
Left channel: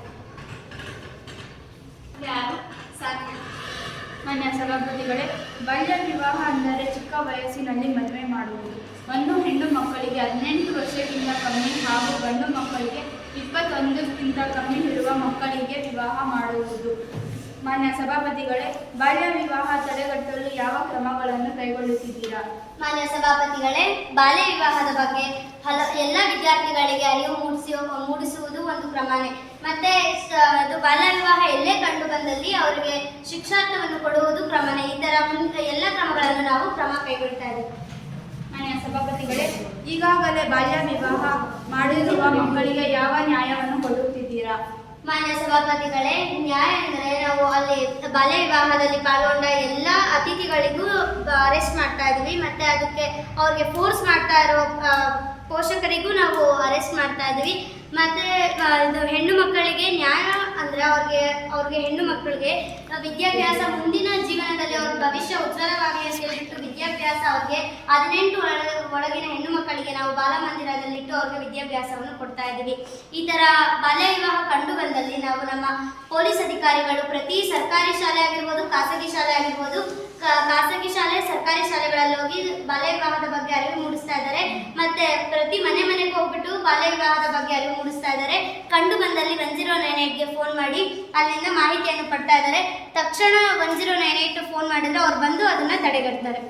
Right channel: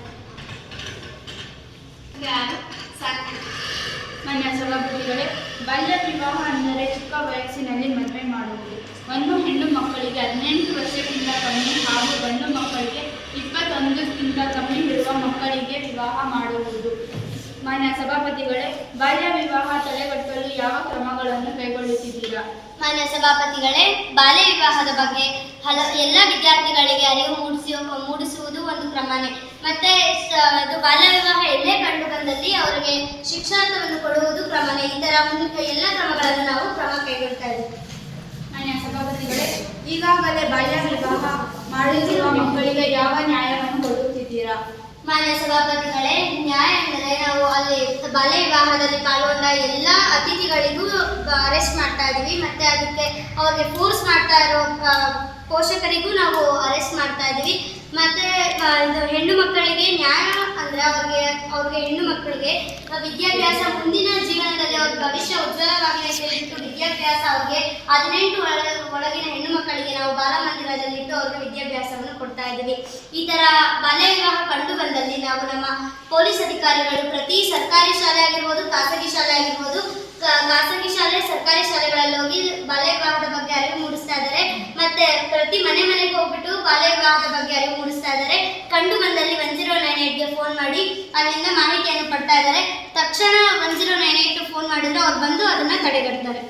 ನನ್ನ ಸಭಾಪತಿಗಳೇ, ಬಾಲ್ಯ ವಿವಾಹ ಅಂದರೆ ಚಿಕ್ಕ ವಯಸ್ಸಿನಲ್ಲಿ ಮದುವೆ ಮಾಡುವುದು. ಒಂದು ಹೆಣ್ಣು ಮಕ್ಕಳಿಗೆ 18 ವರ್ಷಕ್ಕಿಂತ ಕಮ್ಮಿ ಹಾಗೂ ಗಂಡು ಮಕ್ಕಳಿಗೆ 21ಕ್ಕಿಂತ ಕಮ್ಮಿ ಇರುವ ಮಕ್ಕಳಿಗೆ ವಿವಾಹ ಮಾಡುವುದು. ಮಾನ್ಯ ಸಭಾಪತಿಗಳೇ, ಬಾಲ್ಯ ವಿವಾಹ ತಡೆಗಟ್ಟಲು ಯಾವ ಕ್ರಮಗಳನ್ನು ಕೈಗೊಳ್ಳುತ್ತಿದ್ದೀರಾ? ಮಾನ್ಯ ಸಭಾಪತಿಗಳೇ, ಬಾಲ್ಯ ವಿವಾಹದ ಬಗ್ಗೆ ಎಲ್ಲ ವಿದ್ಯಾರ್ಥಿಗಳಿಗೆ ಅರಿವು ಮೂಡಿಸುವುದು ಒಂದು ಕ್ರಮನೇ. ಮತ್ತೆ ಅದು ಬಾಲ್ಯ ವಿವಾಹ ಎಲ್ಲೇ ಕಂಡು ಬಂದಲ್ಲಿ ಅವರಿಗೆ ಶಿಕ್ಷಾರ್ಥವನ್ನು ಕೊಡುವುದು ಕ್ರಮನೇ. ಈ ಥರ ಎಲ್ಲ ಕ್ರಮಗಳನ್ನು ನಾವು ಕೈಗೊಳ್ತಾ ಇದ್ದೀವಿ. ಮಾನ್ಯ ಸಭಾಪತಿಗಳೇ, ಈಗಾಗಲೇ ಬಾಲ್ಯ ವಿವಾಹ ಮಾಡಿರುವ ಮಕ್ಕಳಿಗೆ ಯಾವ ನ್ಯಾಯವನ್ನು ಕೊಡುತ್ತಿದ್ದೀರಾ? ಮಾನ್ಯ ಸಭಾಪತಿಗಳೇ, ನ್ಯಾಯ ಅಂದರೆ ನಾವು ಅಲ್ಲಿ ಬಾಲ್ಯ ವಿವಾಹದಲ್ಲಿ ಪಾಲ್ಗೊಂಡ ಎಲ್ಲ ಅತಿಥಿಗಳಿಗೂ ಅರೆಸ್ಟ್ ಮಾಡ್ತಾ ಇದ್ದೀವಿ. ಮತ್ತು ಅದಕ್ಕೆ ಅವ್ರಿಗೆ ಫೋರ್ಸ್ ಮಾಡ್ತಾ ಇರೋ ಪೋಷಕರಿಗೂ ನಾವು ಅರೆಸ್ಟ್ ಮಾಡ್ತಾ ಇದ್ದೀವಿ. ಮತ್ತು ಇದು ಹೆಣ್ಣು ಮಕ್ಕಳಿಗೆ ನ್ಯಾಯ ಅಂದರೆ ಅವ್ರಿಗೆ ಹೆಣ್ಣು ಮಕ್ಕಳಿಗೆ ವಿದ್ಯಾಭ್ಯಾಸ ಮುಂದಿನ ಜೀವನದಲ್ಲಿ ಅವ್ರ ಭವಿಷ್ಯ ಉಜ್ವಲವಾಗಿ ಅಂತ ಹೇಳ್ಬಿಟ್ಟು ವಿದ್ಯಾಭ್ಯಾಸ ಅವ್ರಿಗೆ 18 ಒಳಗಿನ ಹೆಣ್ಣು ಮಕ್ಕಳಿಗೆ ನಾವು ಬಾಲಮಂದಿರದಲ್ಲಿಟ್ಟು ಅವ್ರಿಗೆ ವಿದ್ಯಾಭ್ಯಾಸವನ್ನು ಕೊಡ್ತಾ ಇದ್ದೀವಿ. ಈ ಥರ ಬಾಲ್ಯ ವಿವಾಹ ಕಂಡು ಬಂದಲ್ಲಿ ನಾವು ನಮ್ಮ ಪೊಲೀಸ್ ಅಧಿಕಾರಿಗಳು ಪ್ರತಿ ಸರ್ಕಾರಿ ಶಾಲೆ ಆಗಿರ್ಬೋದು, ಖಾಸಗಿ ಶಾಲೆ ಆಗಿರ್ಬೋದು, ಖಾಸಗಿ ಶಾಲೆ, ಸರ್ಕಾರಿ ಶಾಲೆಗಳಲ್ಲಿ ಹೋಗಿ ಬಾಲ್ಯ ವಿವಾಹದ ಬಗ್ಗೆ ಅರಿವು ಮೂಡಿಸ್ತಾ ಇದ್ದಾರೆ. ಮತ್ತೆ ಪ್ರತಿ ಮನೆಗೆ ಹೋಗ್ಬಿಟ್ಟು ಬಾಲ್ಯ ವಿವಾಹದ ಬಗ್ಗೆ ಅರಿವು ಮೂಡಿಸ್ತಾ ಇದ್ದಾರೆ. ಕಂಡು ಬಂದಲ್ಲಿ 1098ಗೆ ಫೋನ್ ಮಾಡಿ ಅಲ್ಲಿಂದ ಮಾಹಿತಿಯನ್ನು ಪಡ್ತಾ ಇದ್ದಾರೆ. ತಕ್ಷಣ 1098 ಫೋನ್ ಮಾಡಿದ್ರೆ ಅವ್ರು ಬಂದು ಅದನ್ನ ತಡೆಗಟ್ತಾರೆ.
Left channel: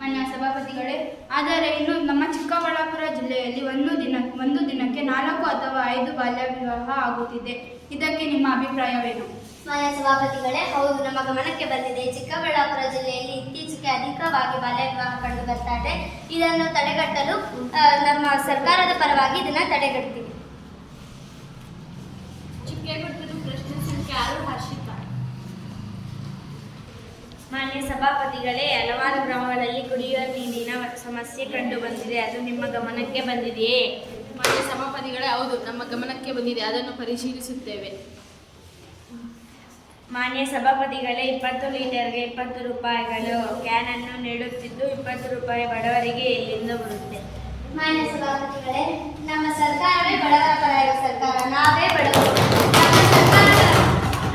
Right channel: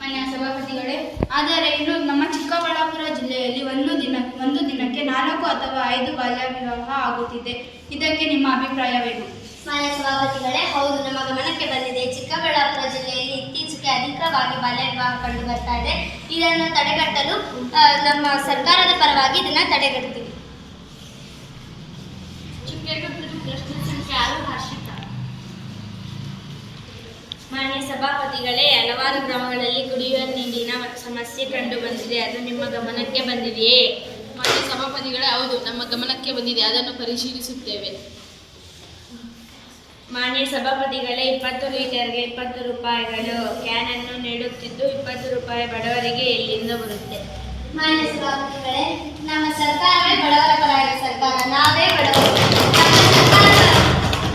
ಮಾನ್ಯ ಸಭಾಪತಿಗಳೇ, ಆದರೆ ಇನ್ನು ನಮ್ಮ ಚಿಕ್ಕಬಳ್ಳಾಪುರ ಜಿಲ್ಲೆಯಲ್ಲಿ ಒಂದು ದಿನಕ್ಕೆ 4 ಅಥವಾ 5 ಬಾಲ್ಯ ವಿವಾಹ ಆಗುತ್ತಿದೆ. ಇದಕ್ಕೆ ನಿಮ್ಮ ಅಭಿಪ್ರಾಯವೇನು? ಮಾನ್ಯ ಸಭಾಪತಿಗಳೇ, ಹೌದು, ನಮ್ಮ ಗಮನಕ್ಕೆ ಬಂದಿದೆ. ಚಿಕ್ಕಬಳ್ಳಾಪುರ ಜಿಲ್ಲೆಯಲ್ಲಿ ಇತ್ತೀಚೆಗೆ ಅಧಿಕವಾಗಿ ಬಾಲ್ಯ ವಿವಾಹ ಕಂಡು ಬರ್ತಾ ಇದೆ. ಇದನ್ನು ತಡೆಗಟ್ಟಲು ನಮ್ಮ ಸರ್ಕಾರದ ಪರವಾಗಿ ಇದನ್ನು ತಡೆಗಟ್ತೀವಿ. ಪ್ರಶ್ನೆ ಸಂಖ್ಯೆ 6 ಹರ್ಷಿತಾ. ಮಾನ್ಯ ಸಭಾಪತಿಗಳೇ, ಹಲವಾರು ಗ್ರಾಮಗಳಲ್ಲಿ ಕುಡಿಯುವ ನೀರಿನ ಸಮಸ್ಯೆ ಕಂಡು ಬಂದಿದೆ. ಅದು ನಿಮ್ಮ ಗಮನಕ್ಕೆ ಬಂದಿದೆಯೇ? ಮಾನ್ಯ ಸಭಾಪತಿಗಳೇ, ಹೌದು, ನಮ್ಮ ಗಮನಕ್ಕೆ ಬಂದಿದೆ. ಅದನ್ನು ಪರಿಶೀಲಿಸುತ್ತೇವೆ. ಮಾನ್ಯ ಸಭಾಪತಿಗಳೇ, 20 ಲೀಟರ್ಗೆ 20 ರೂಪಾಯಿಗಳು ಕ್ಯಾನನ್ನು ನೀಡುತ್ತಿದ್ದು 20 ರೂಪಾಯಿ ಬಡವರಿಗೆ ಎಲ್ಲಿಂದ ಬರುತ್ತೆ? ಮಾನ್ಯ ಸಭಾಪತಿಗಳೇ, ನಮ್ಮ ಸರ್ಕಾರವೇ ಬಡವರ ಪರವಾದ ಸರ್ಕಾರ. ನಾವೇ ಬಡವರು.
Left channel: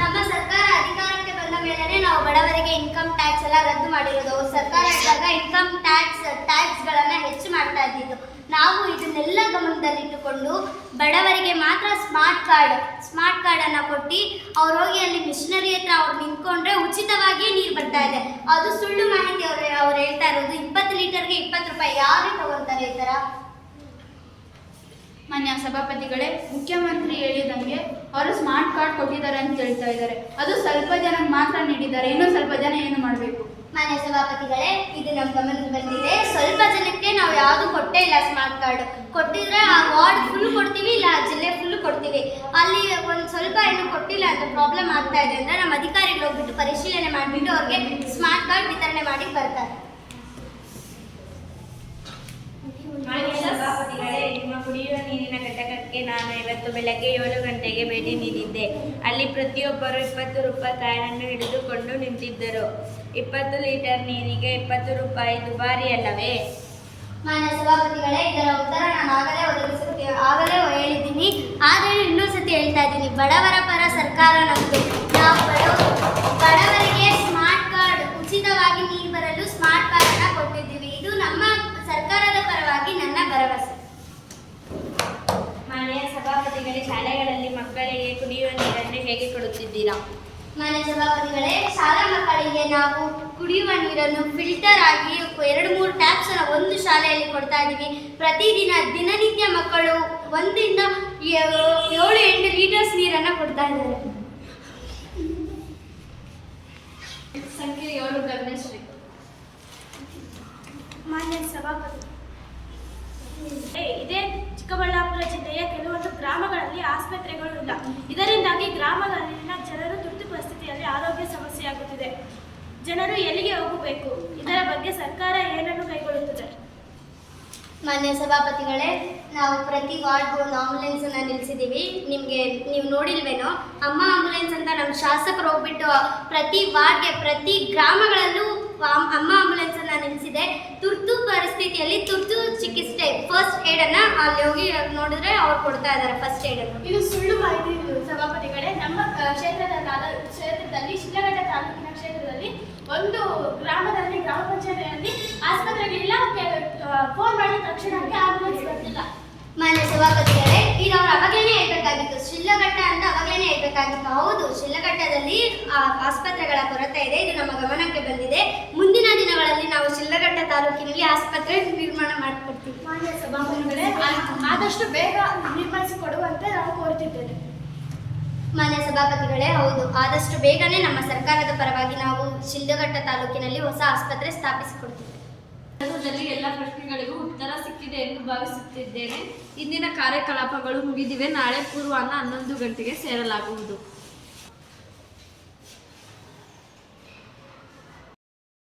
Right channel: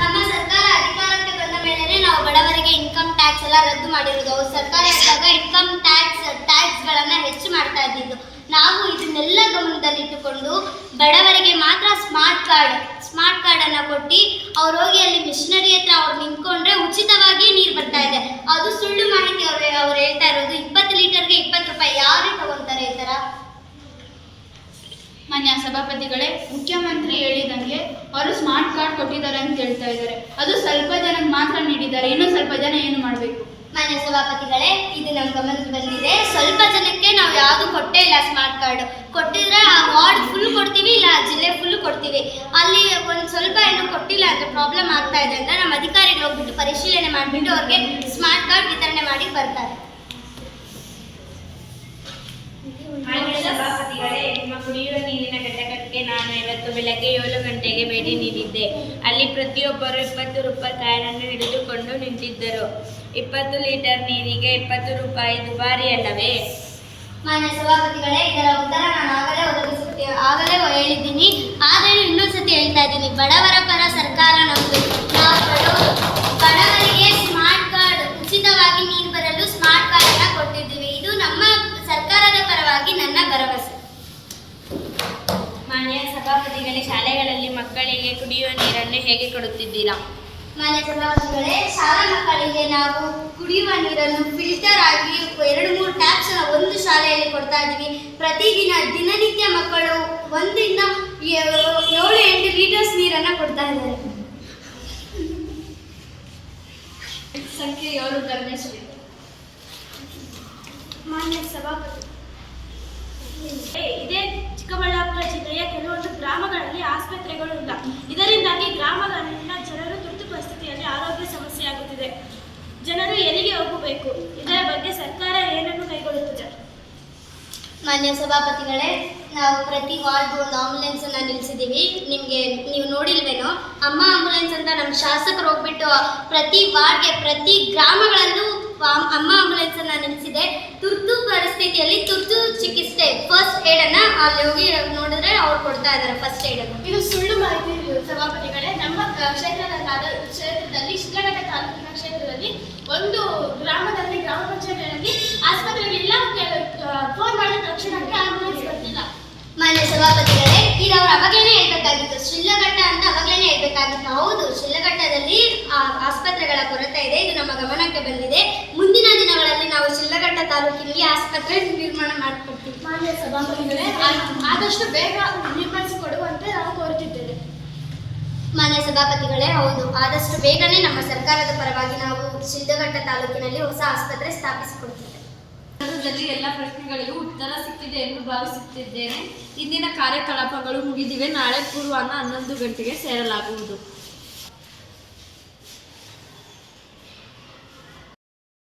ನಮ್ಮ ಸರ್ಕಾರ ಅಧಿಕಾರಕ್ಕೆ ಬಂದ ಮೇಲೆ ನಾವು ಬಡವರಿಗೆ ಇನ್ಕಮ್ ಟ್ಯಾಕ್ಸ್ ಎಲ್ಲ ರದ್ದು ಮಾಡಿರೋದು. ಅವ್ರ ಸರ್ಕಾರ ಇದ್ದಾಗ ಇನ್ಕಮ್ ಟ್ಯಾಕ್ಸ್ಗಳನ್ನು ಹೆಚ್ಚು ಮಾಡ್ತಾ ಇದ್ದಿದ್ದು. ನಾವು ಇದನ್ನೆಲ್ಲ ಗಮನದಲ್ಲಿಟ್ಟುಕೊಂಡು ಬಡವರಿಗೆ ಮಾತ್ರ ಸ್ಮಾರ್ಟ್ ಕಾರ್ಡನ್ನು ಕೊಟ್ಟು ಅವ್ರು ಹೋಗಿ ಅಲ್ಲಿ ಮಿಷನರಿ ಹತ್ರ ಅವ್ರು ನಿಂತ್ಕೊಂಡ್ರೆ ಉಚಿತವಾಗಿ ನೀರು ಬರ್ತಾ ಇದೆ. ಅದು ಸುಳ್ಳು ಮಾಹಿತಿ. ಅವ್ರು ಹೇಳ್ತಾ ಇರೋದು 20 ಲೀಟರ್ಗೆ 20 ರೂಪಾಯಿ. ಯಾರೇ ತಗೊಳ್ತಾರೆ ಈ ಥರ? ಮಾನ್ಯ ಸಭಾಪತಿಗಳೇ, ಮುಖ್ಯಮಂತ್ರಿ ಹೇಳಿದಂಗೆ ಅವರು ಸ್ಮಾರ್ಟ್ ಕಾರ್ಡ್ ಕೊಟ್ಟಿದ್ದಾರೆ ಅಂತ ಹೇಳ್ತಾ ಇದ್ದಾರೆ. ಅದು ಸ್ವಲ್ಪ ಜನಕ್ಕೆ ಮಾತ್ರ ನೀಡಿದ್ದಾರೆ, ಇನ್ನೂ ಸ್ವಲ್ಪ ಜನ ಏನು ಮಾಡಬೇಕು? ಮಾನ್ಯ ಸಭಾಪತಿಗಳೇ, ಇದು ನಮ್ಮ ಗಮನಕ್ಕೆ ಬಂದಿದೆ. ಸ್ವಲ್ಪ ಜನಕ್ಕೆ ನಾವು ಯಾವುದು ಕೊಟ್ಟೇ ಇಲ್ಲ. ಸ್ಮಾರ್ಟ್ ಕಾರ್ಡ್ ಕೊಟ್ಟಿದ್ರೆ ಆ ವಾರ್ಡ್ ಫುಲ್ ಕೊಡ್ತೀವಿ, ಇಲ್ಲ ಆ ಜಿಲ್ಲೆ ಫುಲ್ ಕೊಡ್ತೀವಿ. ಅಲ್ಲಿ ಒಂದು ಸ್ವಲ್ಪ ಏನು ಕೊಟ್ಟಿಲ್ಲ ಅಂತ ಪ್ರಾಬ್ಲಮ್ ಆಗ್ತಾ ಇದೆ ಅಂದರೆ ನಮ್ಮ ಅಧಿಕಾರಿಗಳು ಹೋಗ್ಬಿಟ್ಟು ಪರಿಶೀಲನೆ ಮಾಡಿಬಿಟ್ಟು ಅವ್ರಿಗೆ ಸ್ಮಾರ್ಟ್ ಕಾರ್ಡ್ ವಿತರಣೆ ಮಾಡಿ ಬರ್ತಾರೆ. ಮಾನ್ಯ ಸಭಾಪತಿಗಳೇ, ನಿಮ್ಮ ಕುಡಿಯುವ ನೀರಿನ ಘಟಕಕ್ಕೆ ನಾನು ಇವತ್ತು ಬೆಳಗ್ಗೆ 7 ಗಂಟೆಗೆ ಭೇಟಿ ನೀಡಿದ್ದೆ. ಅಲ್ಲಿ ಪ್ರತಿಯೊಬ್ಬರು 20 ರೂಪಾಯಿ ಕಾಯಿನನ್ನು ಹಿಡಿದುಕೊಂಡು ನಿಂತಿದ್ದರು. 20 ಲೀಟರ್ ನೀರಿಗೆ 20 ರೂಪಾಯಿ ದುಬಾರಿ ಅಲ್ಲವೇ? ಮಾನ್ಯ ಸಭಾಪತಿಗಳೇ, ಇದರ ಉತ್ತರ ನಾನು ಆಗಲೇ ಹೇಳಿದ್ದೀನಿ. ಆದರೆ ಇನ್ನೊಂದ್ಸತಿ ಹೇಳ್ತಾ ಇದ್ದೀನಿ, ಬಡವರ ಪರ ಸರ್ಕಾರ ನಮ್ಮದು. ನಾವು ಬಡವರಿಗೆ ಸ್ಮಾರ್ಟ್ ಕಾರ್ಡ್ ಉಚಿತವಾಗಿ ನೀರು ಬರಲು ಸ್ಮಾರ್ಟ್ ಕಾರ್ಡನ್ನು ಕೊಟ್ಟಿದ್ದೀವಿ. ಇದು ನಮ್ಮ ಸರ್ಕಾರದ ಪರವಾಗಿ ನನ್ನ ಭರವಸೆ. ಮಾನ್ಯ ಸಭಾಪತಿಗಳೇ, ಶಾಲೆಗಳಲ್ಲಿ ಮಕ್ಕಳಿಗೆ ಕುಡಿಯುವ ನೀರನ್ನು ಹೇಗೆ ಕೊಡುತ್ತಿದ್ದೀರಾ? ಮಾನ್ಯ ಸಭಾಪತಿಗಳೇ, ಶಾಲಾ ಮಕ್ಕಳಿಗೆ ನಾವು ಕುಡಿಯುವ ನೀರನ್ನು ಫಿಲ್ಟರ್ ಆಗಿ 2-3 ಟ್ಯಾಪ್ಸ್ ಒಂದು ಶಾಲೆಯಲ್ಲಿ ಕೊಡ್ತಾ ಇದ್ದೀವಿ. ದಿನನಿತ್ಯ ಮಕ್ಕಳು 1ರಿಂದ 7-8 ಲೀಟರ್ಸ್ ನೀರನ್ನು ಕೊಡ್ತಾ ಇದ್ದಾರೆ. ಸಂಖ್ಯೆ 7 ಗಮನಿಸಬೇಕು. ಮಾನ್ಯ ಸಭಾಪತಿ, ಇದೇ ಚಿಕ್ಕಬಳ್ಳಾಪುರ ಜಿಲ್ಲೆಯ ಕೆಲವೊಂದು ಗ್ರಾಮಗಳಲ್ಲಿ ಆಸ್ಪತ್ರೆಗಳು ಇಲ್ಲ. ಇದರಿಂದಾಗಿ ಗ್ರಾಮಗಳಲ್ಲಿನ ಜನರು ತುರ್ತು ಪರಿಸ್ಥಿತಿಯಲ್ಲಿ ಆರೋಗ್ಯ ಸಮಸ್ಯೆಯಾಗುತ್ತಿದೆ. ಜನರು ಎಲ್ಲಿಗೆ ಹೋಗಬೇಕು? ಇದರ ಬಗ್ಗೆ ಸರ್ಕಾರ ಏನನ್ನು ಕೈಗೊಳ್ಳುತ್ತದೆ? ಮಾನ್ಯ ಸಭಾಪತಿಗಳೇ, ನಾವು ಪ್ರತಿ ವಾರ್ಡ್ಗೂ ಒಂದು ಆಂಬುಲೆನ್ಸನ್ನು ನಿಲ್ಲಿಸಿದ್ದೀವಿ. ನೀವು ನೋಡಿಲ್ವೇನೋ, ಅಮ್ಮ ಆಂಬುಲೆನ್ಸ್ ಅಂತ ನಮ್ಮ ಶಾಸಕರು ಹೋಗ್ಬಿಟ್ಟು ಪ್ರತಿ ವಾರ್ಡ್ಗೆ ಪ್ರತಿ ಗ್ರಾಮಗಳಲ್ಲೂ ಅಮ್ಮ ಆಂಬುಲೆನ್ಸನ್ನು ನಿಲ್ಲಿಸಿದೆ. ತುರ್ತು ಪರಿಸ್ಥಿತಿಯಲ್ಲಿ ತುರ್ತು ಚಿಕಿತ್ಸೆ ಫಸ್ಟ್ ಏಡನ್ನು ಅಲ್ಲಿ ಹೋಗಿ ನೋಡಿದ್ರೆ ಅವ್ರು ಕೊಡ್ತಾ ಇದ್ದಾರೆ ಫಸ್ಟ್ ಏಡನ್ನು. ಇದು ಸುಳ್ಳು ಮಾಹಿತಿ ಸಭಾಪತಿಗಳೇ. ನಮ್ಮ ಕ್ಷೇತ್ರದಲ್ಲಿ ಶಿಡ್ಲಘಟ್ಟ ತಾಲೂಕಿನ ಕ್ಷೇತ್ರದಲ್ಲಿ ಒಂದು ಗ್ರಾಮದಲ್ಲಿ ಗ್ರಾಮ ಪಂಚಾಯತಿಯಲ್ಲಿ ಆಸ್ಪತ್ರೆಗಳಿಲ್ಲ. ಫೋನ್ ಮಾಡಿದ ತಕ್ಷಣಕ್ಕೆ ಆಂಬುಲೆನ್ಸ್ ಬರ್ತಿಲ್ಲ. ಮಾನ್ಯ ಸಭಾಪತಿಗಳೇ, ಇದು ಅವ್ರು ಅವಾಗಲೇ ಹೇಳ್ಬೇಕಾಗಿತ್ತು. ಶಿಡ್ಲಘಟ್ಟ ಅಂತ ಅವಾಗಲೇ ಹೇಳ್ಬೇಕಾಗಿತ್ತು. ಹೌದು, ಶಿಡ್ಲಘಟ್ಟದಲ್ಲಿ ಆಸ್ಪತ್ರೆಗಳ ಕೊರತೆ ಇದೆ. ಇದು ನಮ್ಮ ಗಮನಕ್ಕೆ ಬಂದಿದೆ. ಮುಂದಿನ ದಿನಗಳಲ್ಲಿ ನಾವು ಶಿಡ್ಲಘಟ್ಟ ತಾಲೂಕಿನಲ್ಲಿ ಆಸ್ಪತ್ರೆ ನಿರ್ಮಾಣ ಮಾಡಿಕೊಡ್ತೀವಿ. ಮಾನ್ಯ ಸಭಾಪತಿಗಳೇ, ಆದಷ್ಟು ಬೇಗ ನಿರ್ಮಿಸಿಕೊಡುವಂತೆ ನಾವು ಕೋರುತ್ತಿದ್ದೇವೆ. ಮಾನ್ಯ ಸಭಾಪತಿಗಳೇ, ಹೌದು, ಆದಷ್ಟು ಬೇಗನೆ ನಮ್ಮ ಸರ್ಕಾರದ ಪರವಾಗಿ ನಾವು ಶಿಡ್ಲಘಟ್ಟ ತಾಲೂಕಿನಲ್ಲಿ ಹೊಸ ಆಸ್ಪತ್ರೆ ಸ್ಥಾಪಿಸಿಕೊಡ್ತೀವಿ. ಎಲ್ಲ ಪ್ರಶ್ನೆಗಳಿಗೂ ಉತ್ತರ ಸಿಕ್ಕಿದೆ ಎಂದು ಭಾವಿಸುತ್ತಿದ್ದೇನೆ. ಇಂದಿನ ಕಾರ್ಯಕಲಾಪಗಳು ಮುಗಿದಿವೆ. ನಾಳೆ ಪೂರ್ವಾಹ್ನ 11 ಗಂಟೆಗೆ ಸೇರಲಾಗುವುದು.